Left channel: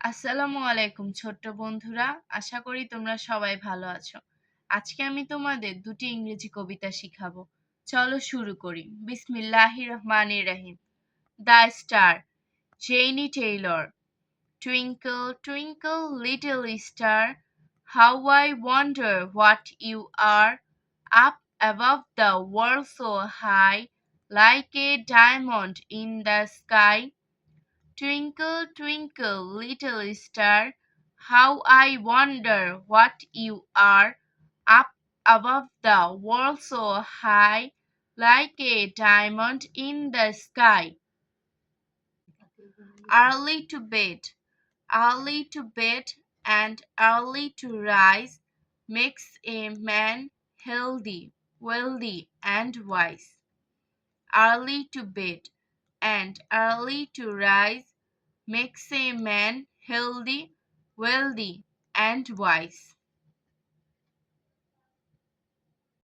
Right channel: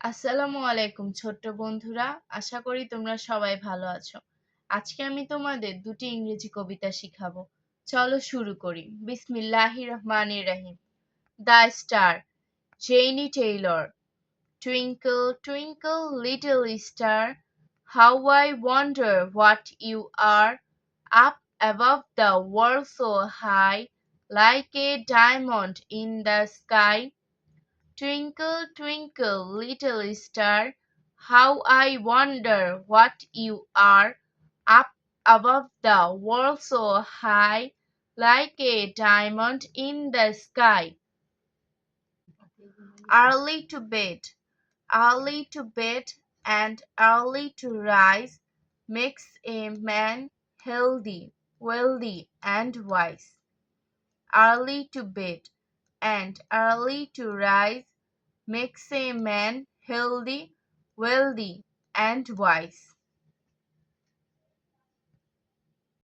আসসালামু আলাইকুম ছোট্ট বন্ধুরা, আশা করি তোমরা সবাই ভালো আছো। আজকে আমি তোমাদের দুটি ইংরেজি কবিতা শিখাবো। চলো শুরু করি। বিসমিল্লাহির রহমানির রহিম। The star, Jane Taylor. Twinkle, twinkle, little star, how I wonder what you are, up above the world so high, like a diamond in the sky. Twinkle, twinkle, little star, how I wonder what you are, up above the world so high, like a diamond in the sky. Early to bed, early to bed and early to rise makes a man healthy, wealthy, and wise. Early to bed and early to rise makes a man healthy, wealthy, and wise.